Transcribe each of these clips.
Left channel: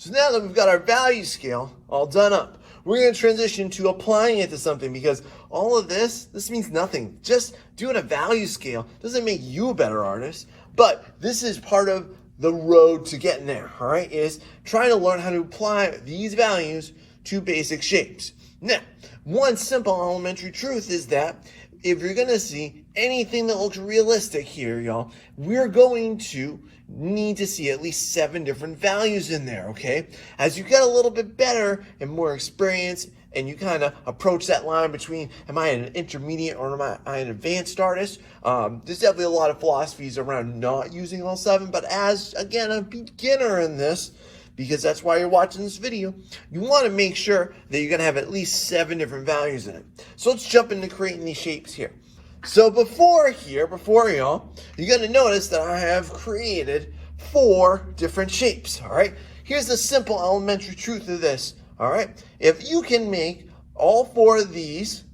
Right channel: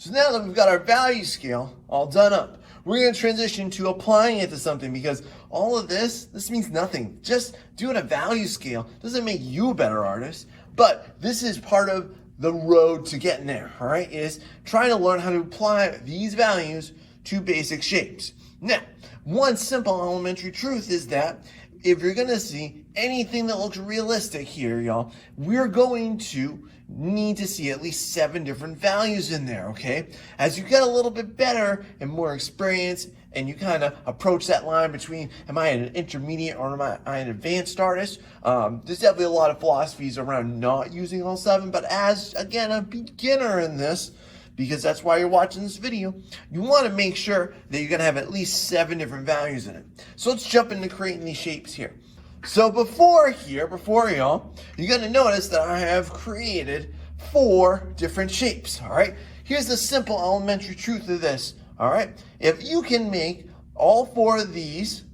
So now that we've got our value scale all done up, we're going to transition to applying it to something, because all of this means nothing. Just doing a value scale doesn't make you a better artist, but this is part of the road to getting there, all right, is trying to learn how to apply these values to basic shapes. Now, one simple elementary truth is that if you're going to see anything that looks realistic here, y'all, we're going to need to see at least 7 different values in there, okay? As you get a little bit better and more experience, and you kind of approach that line between, am I an intermediate or am I an advanced artist? There's definitely a lot of philosophies around not using all 7, but as, again, a beginner in this, because that's why you're watching this video, you want to make sure that you're going to have at least 7 different values in it. So let's jump into creating these shapes here. So before y'all, you're going to notice that I have created 4 different shapes, all right? Here's the simple elementary truth of this, all right? If you can make all 4 of these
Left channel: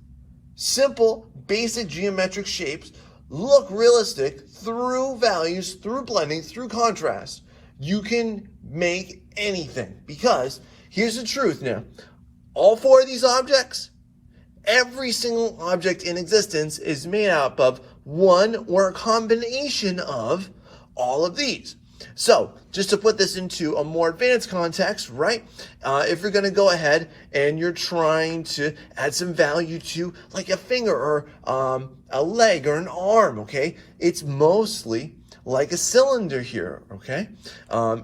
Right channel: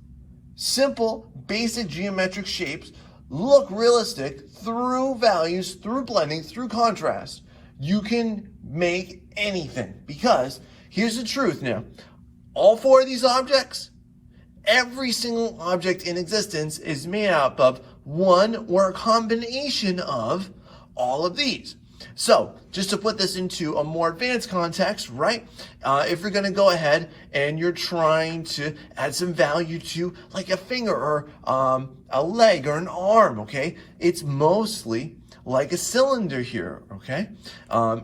simple, basic geometric shapes look realistic through values, through blending, through contrast, you can make anything. Because here's the truth now, all 4 of these objects, every single object in existence is made up of one or a combination of all of these. So just to put this into a more advanced context, right? If you're going to go ahead and you're trying to add some value to like a finger or a leg or an arm, okay? It's mostly like a cylinder here, okay?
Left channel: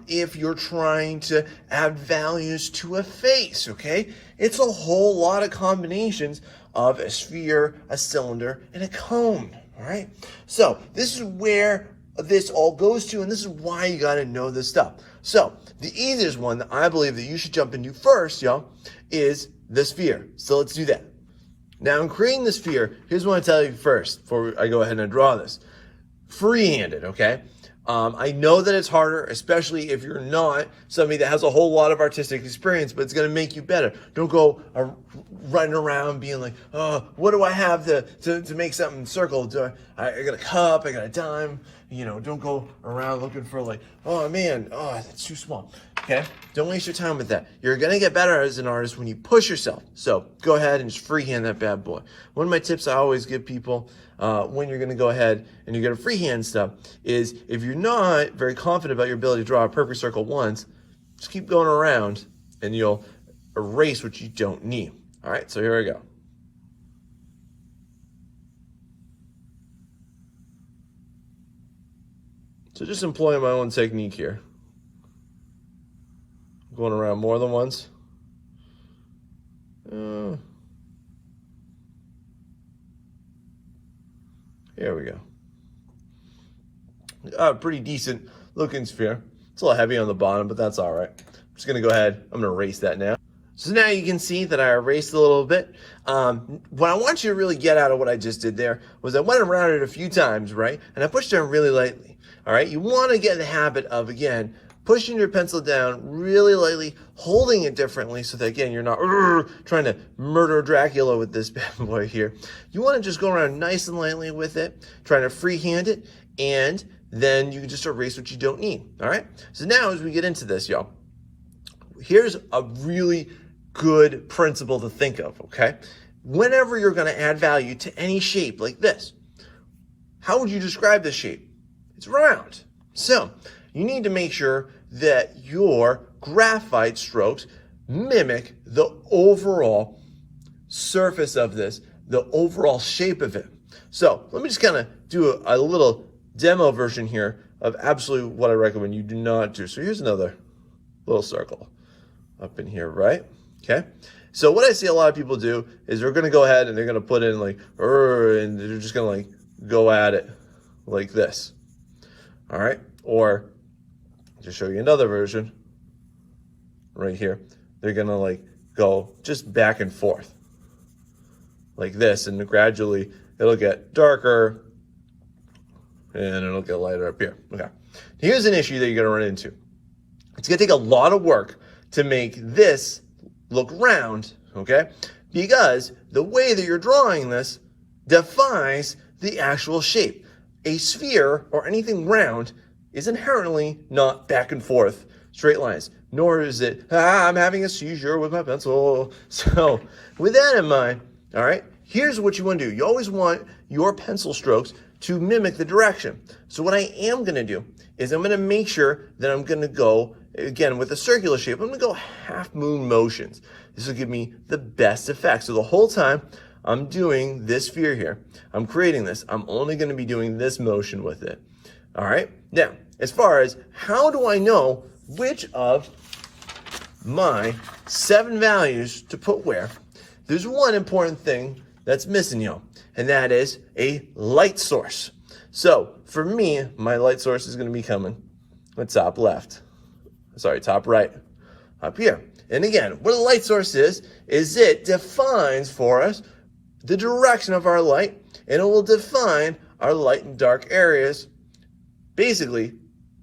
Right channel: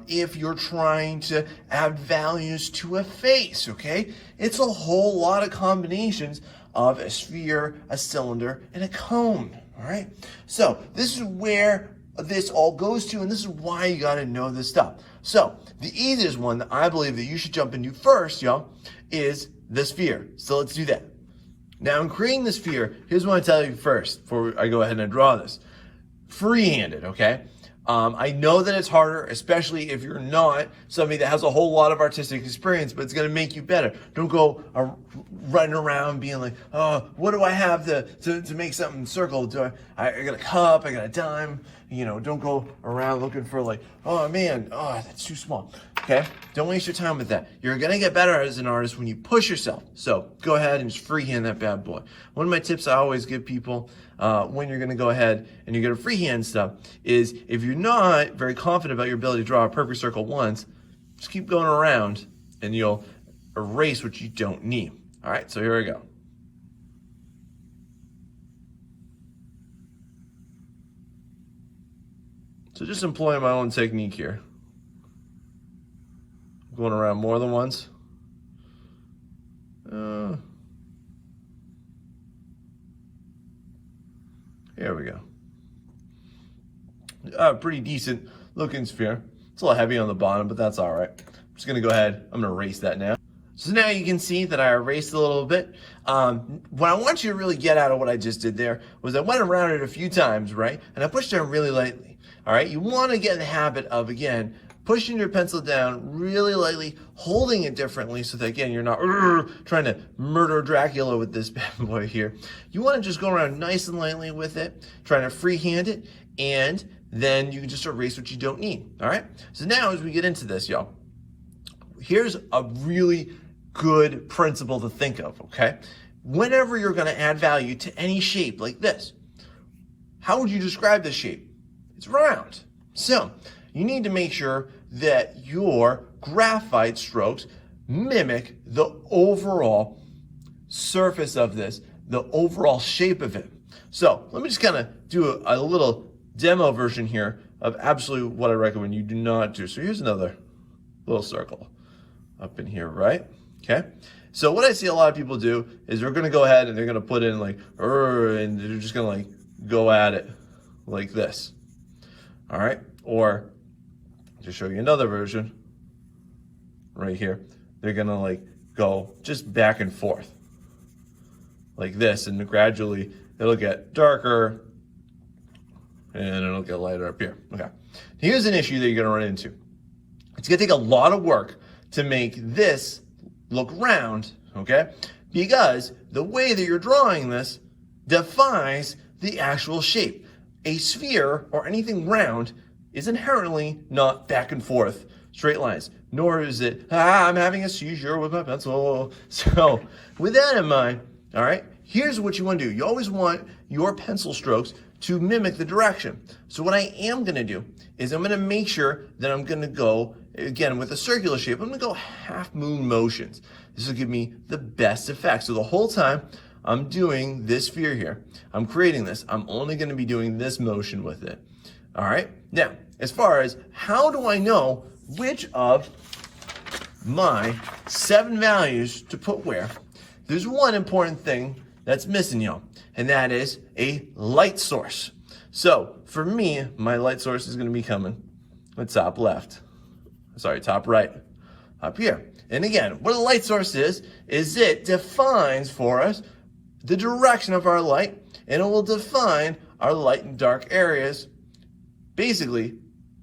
If you're trying to add values to a face, okay? It's a whole lot of combinations of a sphere, a cylinder, and a cone, all right? So this is where this all goes to, and this is why you gotta know this stuff. So the easiest one that I believe that you should jump into first, y'all, is the sphere. So let's do that. Now in creating the sphere, here's what I tell you first, before I go ahead and draw this. Freehanded, okay? I know that it's harder, especially if you're not somebody that has a whole lot of artistic experience, but it's going to make you better. Don't go running around being like, oh, what do I have to make something circle? I got a cup, I got a dime, you know, don't go around looking for like, oh man, oh, that's too small. Okay? Don't waste your time with that. You're going to get better as an artist when you push yourself. So go ahead and just freehand that bad boy. One of my tips I always give people when you're going to go ahead and you're going to freehand stuff is if you're not very confident about your ability to draw a perfect circle once, just keep going around and you'll erase what you don't need. All right, so here we go. So just employing my own technique here. Going around more than once. Here we go. Pretty decent looking sphere. It's a little heavy on the bottom, but that's all right. I'm just gonna go ahead, I'm gonna erase that now. So now you can see that I erased a little bit. What I want you to really get out of what I just did there was I went around it a few times, right? And I pushed down really lightly, all right? You wanna get in the habit of, again, pushing your pencil down really lightly, holding it differently so that, again, you're not trying to murder Dracula with this bad boy here. You want to just go around nice and lightly with it, trying to freehand it, and then you can just erase what you don't need, all right? So now as we get into this, y'all, here's a really good principle to think of, okay? Whenever you're going to add value to any shape like this, how would you describe this shape? It's round. So you need to make sure that your graphite strokes mimic the overall surface of this, the overall shape of it. So let me just kind of do a little demo version here of absolutely what I recommend you do not do. So here's another little circle up in here, right? Okay. So what I see a lot of people do is they're going to go ahead and they're going to put in like, and they're just going to like go at it like this. All right. Or to show you another version right here, they're gonna like go just back and forth like this, and gradually it'll get darker and it'll get lighter up here. Okay, here's an issue that you're gonna run into. It's gonna take a lot of work to make this look round, okay? Because the way that you're drawing this defies the actual shape. A sphere or anything round is inherently not back and forth straight lines. nor is it, I'm having a seizure with my pencil. So with that in mind, all right, here's what you want to do. You always want your pencil strokes to mimic the direction. So what I am going to do is I'm going to make sure that I'm going to go, again, with a circular shape, I'm going to go half moon motions. This will give me the best effect. So the whole time I'm doing this sphere here, I'm creating this, I'm only going to be doing this motion with it. All right. Now, as far as how do I know which of my 7 values to put where, there's one important thing that's missing, y'all, and that is a light source. So for me, my light source is going to be coming the top top right, up here. And again, what a light source is it defines for us the direction of our light, and it will define our light and dark areas. Basically,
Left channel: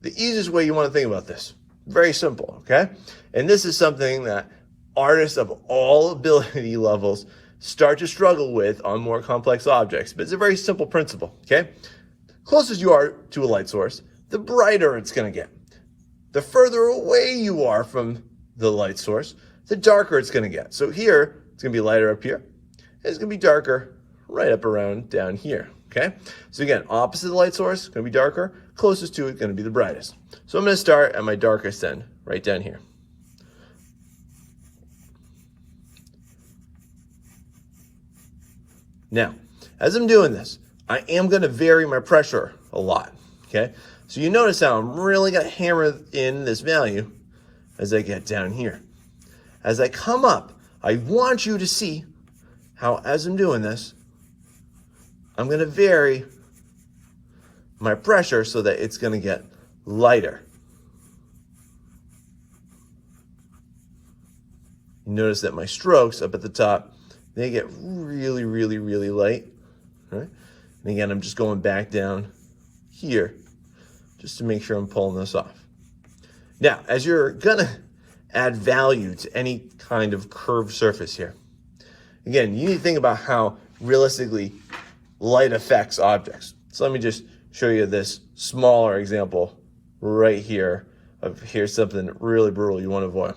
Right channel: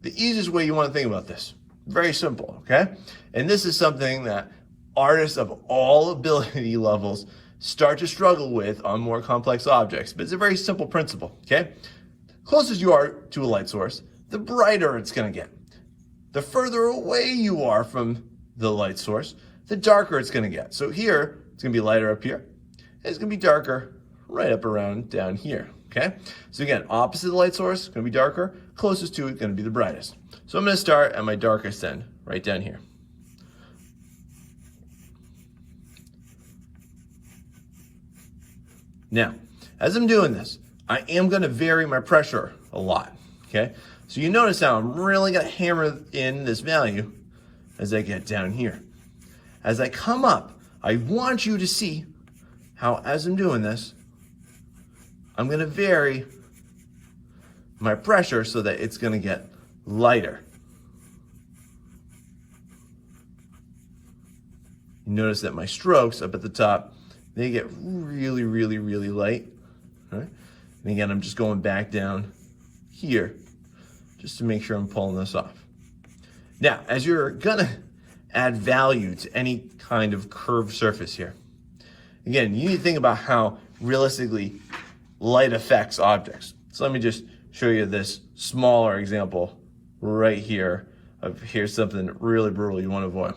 the easiest way you want to think about this. Very simple, okay? And this is something that artists of all ability levels start to struggle with on more complex objects, but it's a very simple principle, okay? Closest you are to a light source, the brighter it's going to get. The further away you are from the light source, the darker it's going to get. So here, it's going to be lighter up here. It's going to be darker right up around down here, okay? So again, opposite the light source, going to be darker. Closest to it, going to be the brightest. So I'm going to start at my darkest end, right down here. Now, as I'm doing this, I am going to vary my pressure a lot, okay? So you notice how I'm really going to hammer in this value as I get down here. As I come up, I want you to see how, as I'm doing this, I'm going to vary my pressure so that it's going to get lighter. You notice that my strokes up at the top, they get really, really, really light. Right? And again, I'm just going back down here just to make sure I'm pulling this off. Now, as you're going to add value to any kind of curved surface here, again, you need to think about how realistically light affects objects. So let me just show you this smaller example right here of here's something really brutal you want to avoid.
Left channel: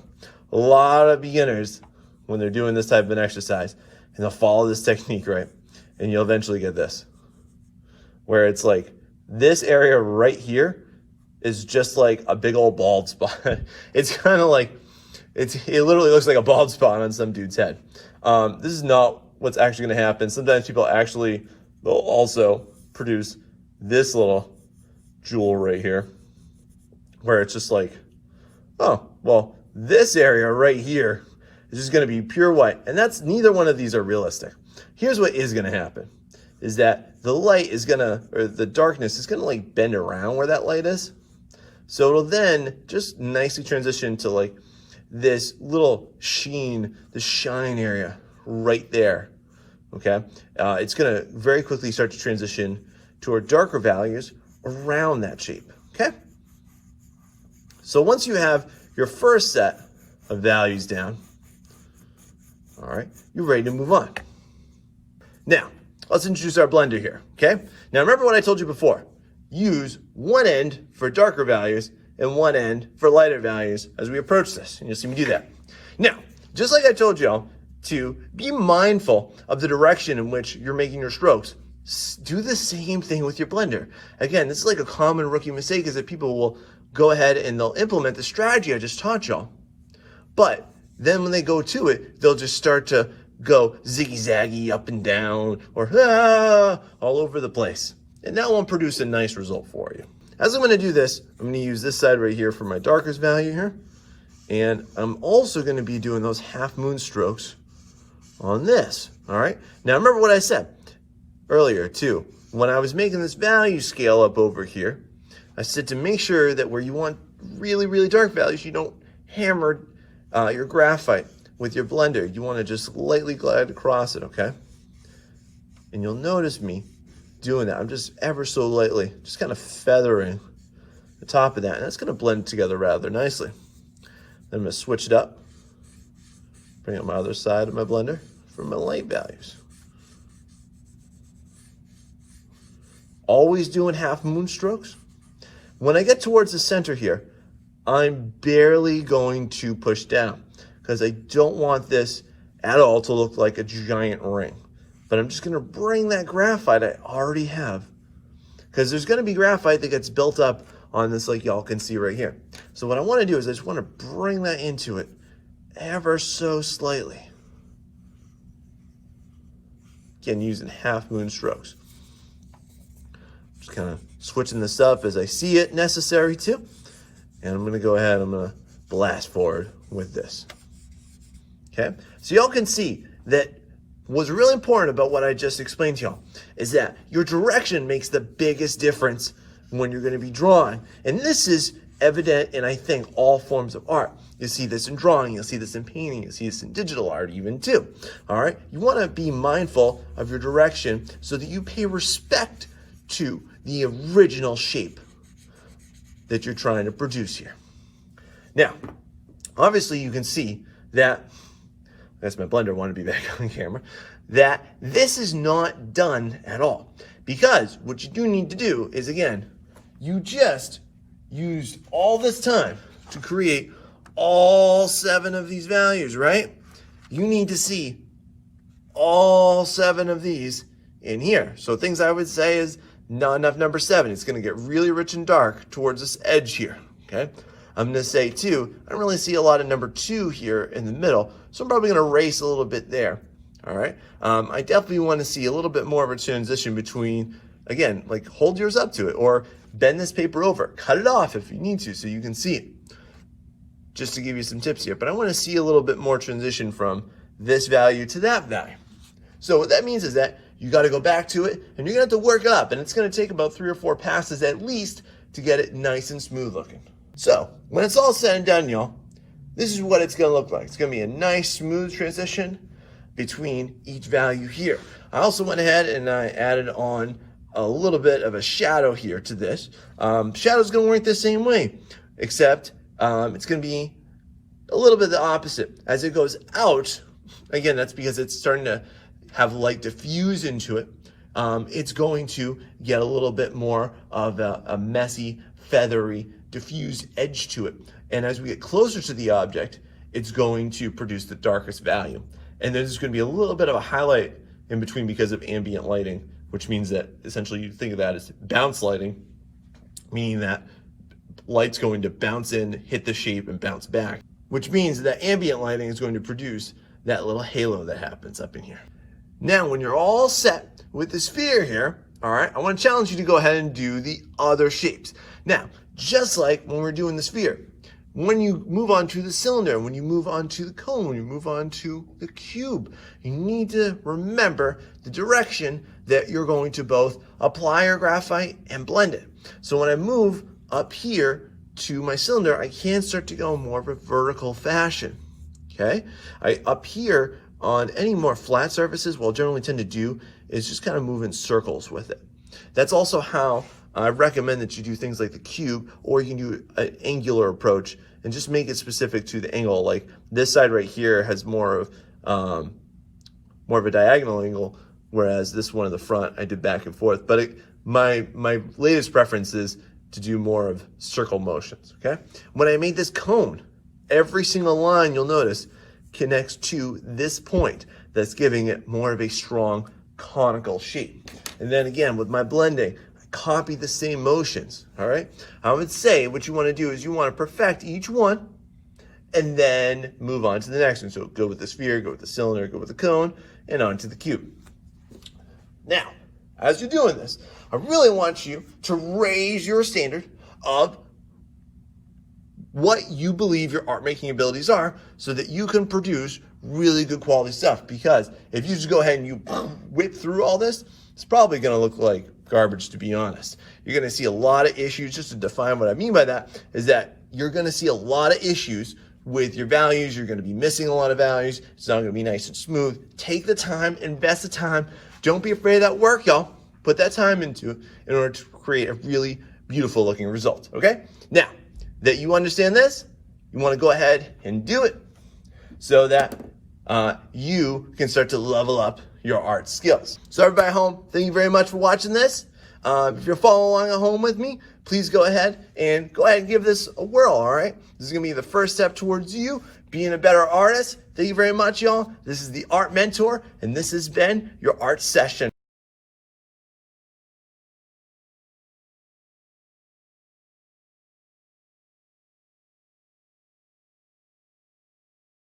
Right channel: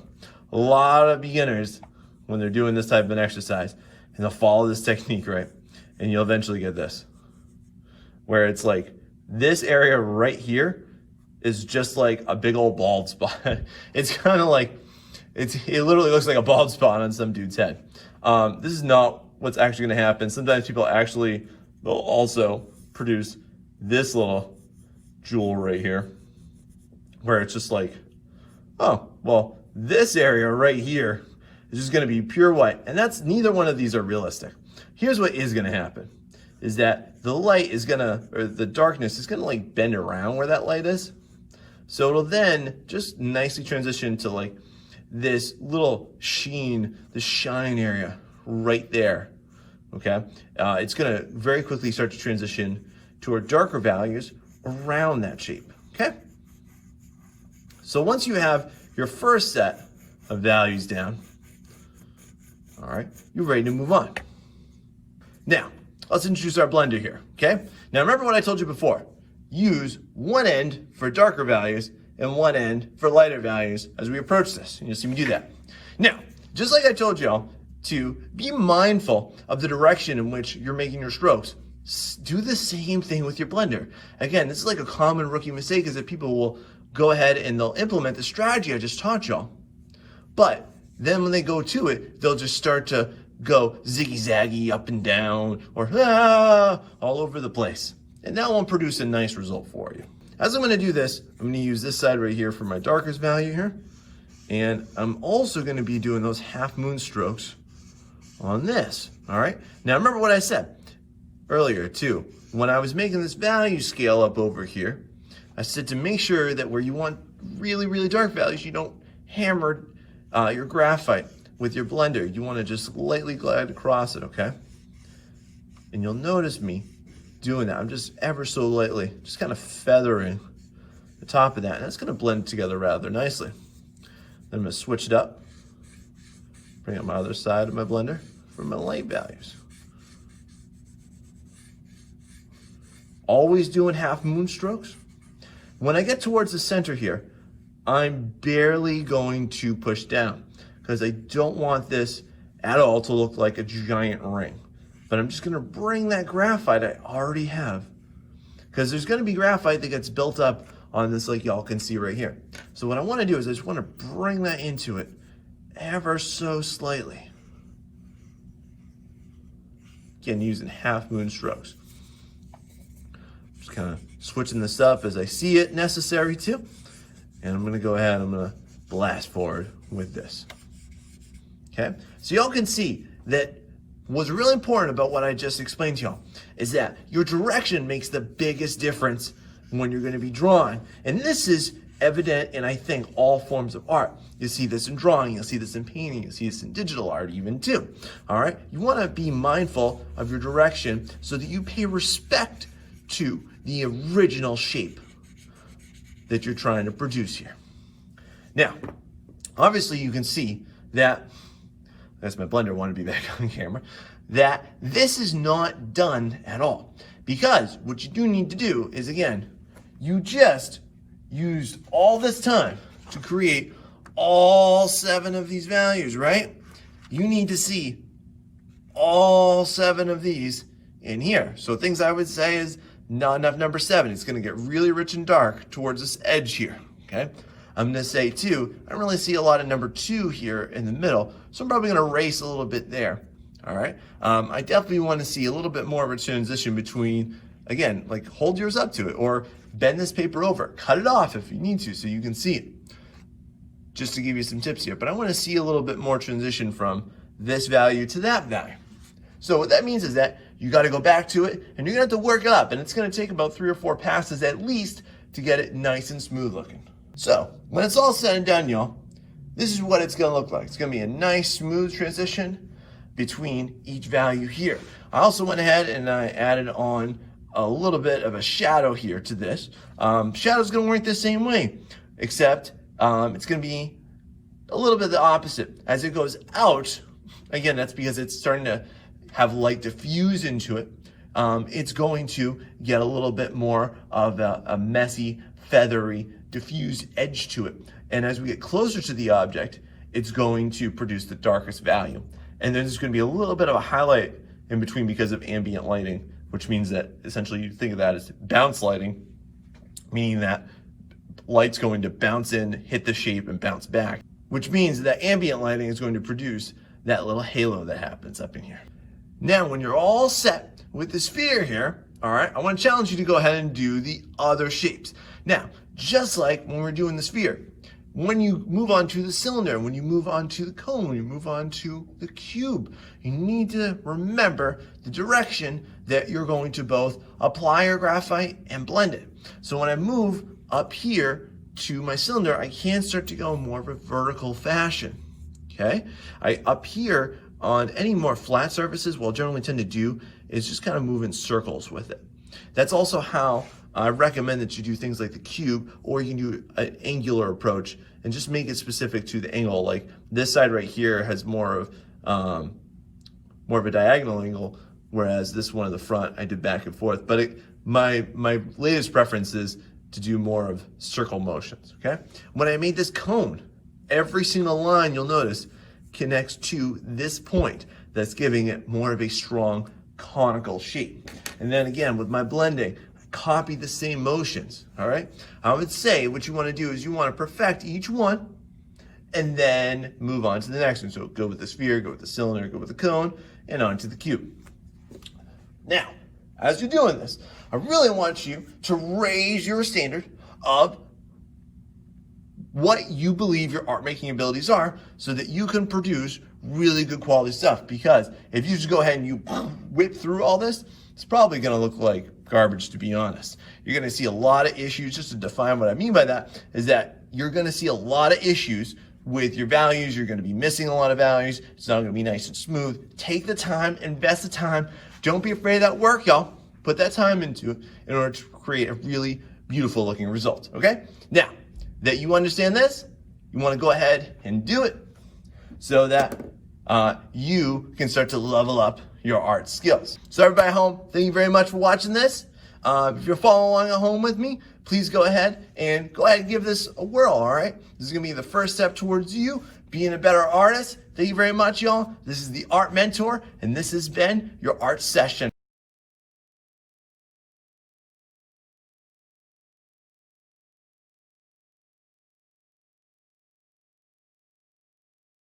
A lot of beginners, when they're doing this type of an exercise, and they'll follow this technique, right? And you'll eventually get this, where it's like this area right here is just like a big old bald spot. It's kind of like, it literally looks like a bald spot on some dude's head. This is not what's actually going to happen. Sometimes people actually, they'll also produce this little jewel right here, where it's just like, oh, well, this area right here is just going to be pure white. And that's, neither one of these are realistic. Here's what is going to happen, is that the light is going to, or the darkness is going to like bend around where that light is. So it'll then just nicely transition to like this little sheen, this shine area right there, okay? It's going to very quickly start to transition to our darker values around that shape, okay? So once you have your first set of values down, all right, you're ready to move on. Now, let's introduce our blender here, okay? Now, remember what I told you before. Use one end for darker values and one end for lighter values as we approach this. And you'll see me do that. Now, just like I told y'all to be mindful of the direction in which you're making your strokes, do the same thing with your blender. Again, this is like a common rookie mistake, is that people will go ahead and they'll implement the strategy I just taught y'all. But then when they go to it, they'll just start to go ziggy-zaggy up and down or all over the place. And that won't produce a nice result for you. As I'm going to do this, I'm going to use this side right here for my darkest value here. And I'm also going to be doing those half moon strokes on this. All right. Now remember what I said earlier too. When I was making this value scale up over here, I said to make sure that where you want really, really dark values, you don't hammer your graphite with your blender. You want to just lightly glide across it, okay? And you'll notice me doing that. I'm just ever so lightly, just kind of feathering the top of that. And that's going to blend together rather nicely. Then I'm going to switch it up, bring up my other side of my blender for my light values. Always doing half moon strokes. When I get towards the center here, I'm barely going to push down because I don't want this at all to look like a giant ring. But I'm just going to bring that graphite I already have, because there's going to be graphite that gets built up on this, like y'all can see right here. So what I want to do is I just want to bring that into it ever so slightly. Again, using half moon strokes. Just kind of switching this up as I see it necessary to. And I'm going to go ahead, I'm going to blast forward with this. Okay, so y'all can see that what's really important about what I just explained to y'all is that your direction makes the biggest difference when you're going to be drawing. And this is evident in, I think, all forms of art. You see this in drawing, you'll see this in painting, you'll see this in digital art even too. All right, you want to be mindful of your direction so that you pay respect to the original shape that you're trying to produce here. Now, obviously you can see that, that's my blender, want to be back on camera, that this is not done at all. Because what you do need to do is, again, you just used all this time to create all 7 of these values, right? You need to see all 7 of these in here. So things I would say is not enough number 7. It's going to get really rich and dark towards this edge here, okay? I'm going to say 2. I don't really see a lot of number 2 here in the middle, so I'm probably going to erase a little bit there, all right? I definitely want to see a little bit more of a transition between, again, like hold yours up to it or bend this paper over. Cut it off if you need to so you can see it, just to give you some tips here. But I want to see a little bit more transition from this value to that value. So what that means is that you got to go back to it and you're going to have to work it up. And it's going to take about 3 or 4 passes at least to get it nice and smooth looking. So when it's all said and done, y'all, this is what it's going to look like. It's going to be a nice smooth transition between each value here. I also went ahead and I added on a little bit of a shadow here to this. Shadow's going to work the same way, except it's going to be a little bit the opposite. As it goes out, again, that's because it's starting to have light diffuse into it. It's going to get a little bit more of a messy, feathery, diffused edge to it. And as we get closer to the object, it's going to produce the darkest value. And then there's going to be a little bit of a highlight in between because of ambient lighting, which means that essentially you think of that as bounce lighting, meaning that light's going to bounce in, hit the shape, and bounce back, which means that ambient lighting is going to produce that little halo that happens up in here. Now, when you're all set with the sphere here, all right, I want to challenge you to go ahead and do the other shapes. Now, just like when we're doing the sphere, when you move on to the cylinder, when you move on to the cone, when you move on to the cube, you need to remember the direction that you're going to both apply your graphite and blend it. So when I move up here to my cylinder, I can start to go more of a vertical fashion, okay? Up here on any more flat surfaces, what I'll generally tend to do is just kind of move in circles with it. That's also how I recommend that you do things like the cube, or you can do an angular approach and just make it specific to the angle. Like this side right here has more of a diagonal angle, whereas this one in the front I did back and forth. But my latest preference is to do more of circle motions, okay? When I made this cone, every single line you'll notice connects to this point that's giving it more of a strong conical shape. And then again, with my blending, copy the same motions, all right? I would say what you want to do is you want to perfect each one and then move on to the next one. So go with the sphere, go with the cylinder, go with the cone, and on to the cube. Now, as you're doing this, I really want you to raise your standard of what you believe your art making abilities are so that you can produce really good quality stuff. Because if you just go ahead and you whip through all this, it's probably going to look like garbage, to be honest. You're going to see a lot of issues. Just to define what I mean by that is that you're going to see a lot of issues with your values. You're going to be missing a lot of values. It's not going to be nice and smooth. Take the time, invest the time. Don't be afraid of that work, y'all. Put that time into it in order to create a really beautiful looking result, okay? Now, that you understand this, you want to go ahead and do it so that you can start to level up your art skills. So everybody at home, thank you very much for watching this. If you're following along at home with me, please go ahead and give this a whirl, all right? This is going to be the first step towards you being a better artist. Thank you very much, y'all. This is the Art Mentor, and this has been your art session.